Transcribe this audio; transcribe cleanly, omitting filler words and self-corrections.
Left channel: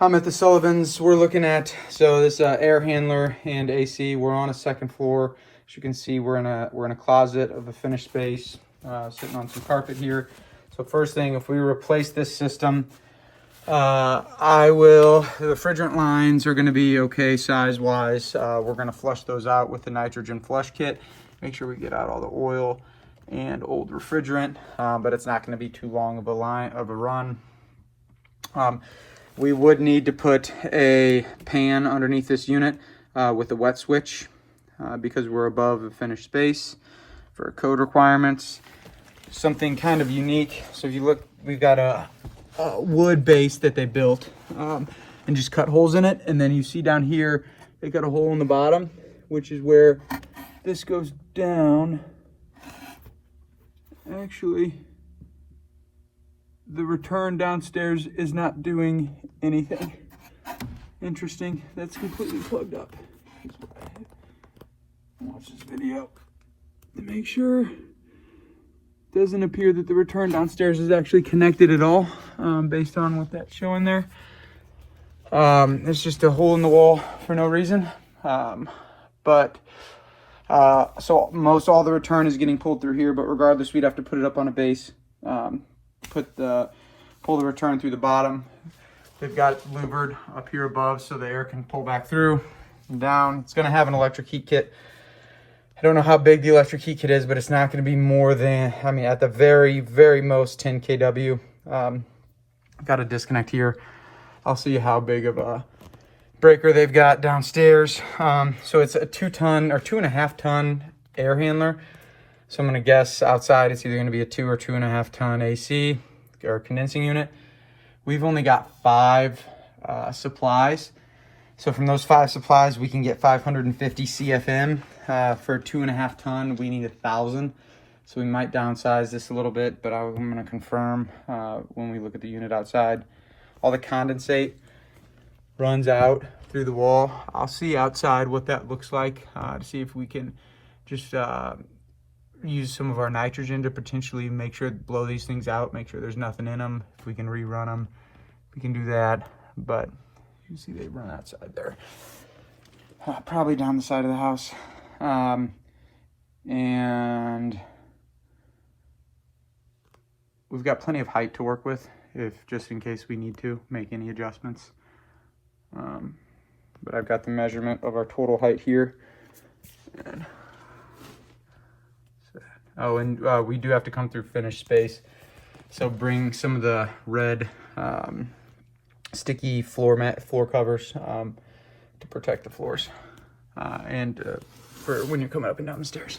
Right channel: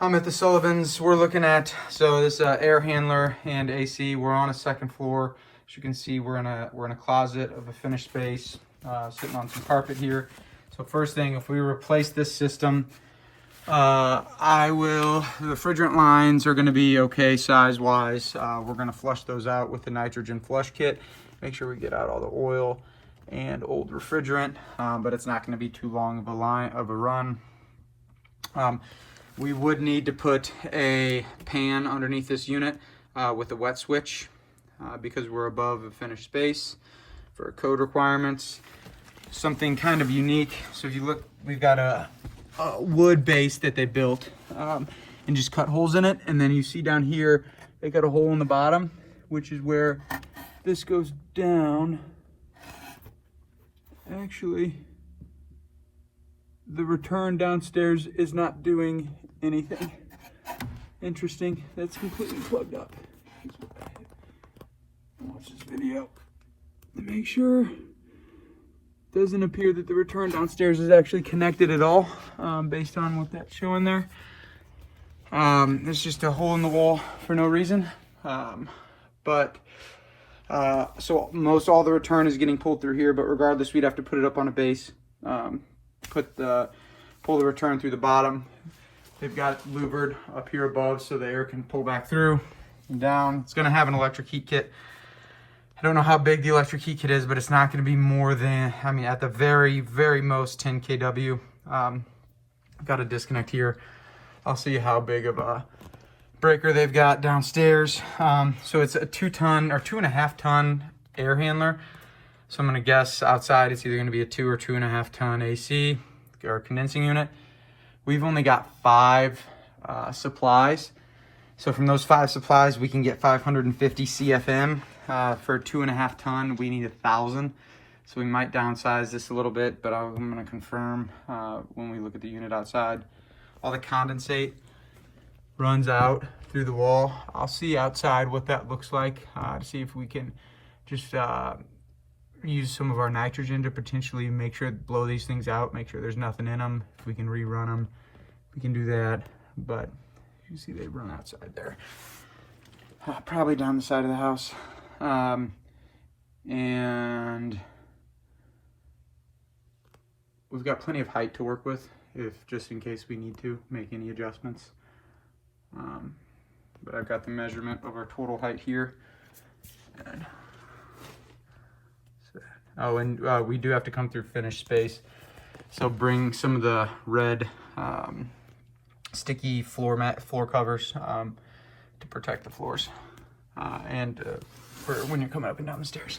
I'm at the Sullivans. We're looking at, so this air handler and AC. We're on a second floor. As you can see, we're in a closet of a finished space, sitting on some carpet here. So first thing, if we replace this system, the refrigerant lines are gonna be okay size-wise. We're gonna flush those out with the nitrogen flush kit. Make sure we get out all the oil and old refrigerant, but it's not gonna be too long of a run. We would need to put a pan underneath this unit with a wet switch because we're above a finished space for code requirements. Something kind of unique. So if you look, we've got a wood base that they built and just cut holes in it. And then you see down here, they got a hole in the bottom, which is where this goes down. Actually, the return downstairs is not doing anything. Interesting. That's completely plugged up. Watch this video to make sure. Doesn't appear that the return downstairs is actually connected at all, based on what that's showing there. It's just a hole in the wall for no reason. So most all the return is getting pulled through here, but regardless, we'd have to put it up on a base. Pull the return through the bottom. They've got it louvered up here above so the air can pull back through and down. It's gonna have an electric heat kit. I don't know how big the electric heat kit is, but it's not gonna be more than, I mean, at the very, very most 10 kW. Got a disconnect here. I'll see how big of a breaker they've got downstairs. So it's a 2-ton or 2.5-ton air handler. So I'm gonna guess outside it's either gonna be a 2 or 2.5-ton AC or condensing unit. We've only got 5 supplies. So from those 5 supplies, we can get 550 CFM. For a 2.5-ton, we need 1,000. So we might downsize this a little bit, but I'm gonna confirm when we look at the unit outside. All the condensate runs out through the wall. I'll see outside what that looks like to see if we can just use some of our nitrogen to potentially make sure, blow these things out, make sure there's nothing in them. If we can rerun them, we can do that. But you see they run outside there. Probably down the side of the house. And we've got plenty of height to work with, if just in case we need to make any adjustments. But I've got the measurement of our total height here. Oh, and we do have to come through finished space. So bring some of the red sticky floor covers to protect the floors and for when you're coming up and down the stairs.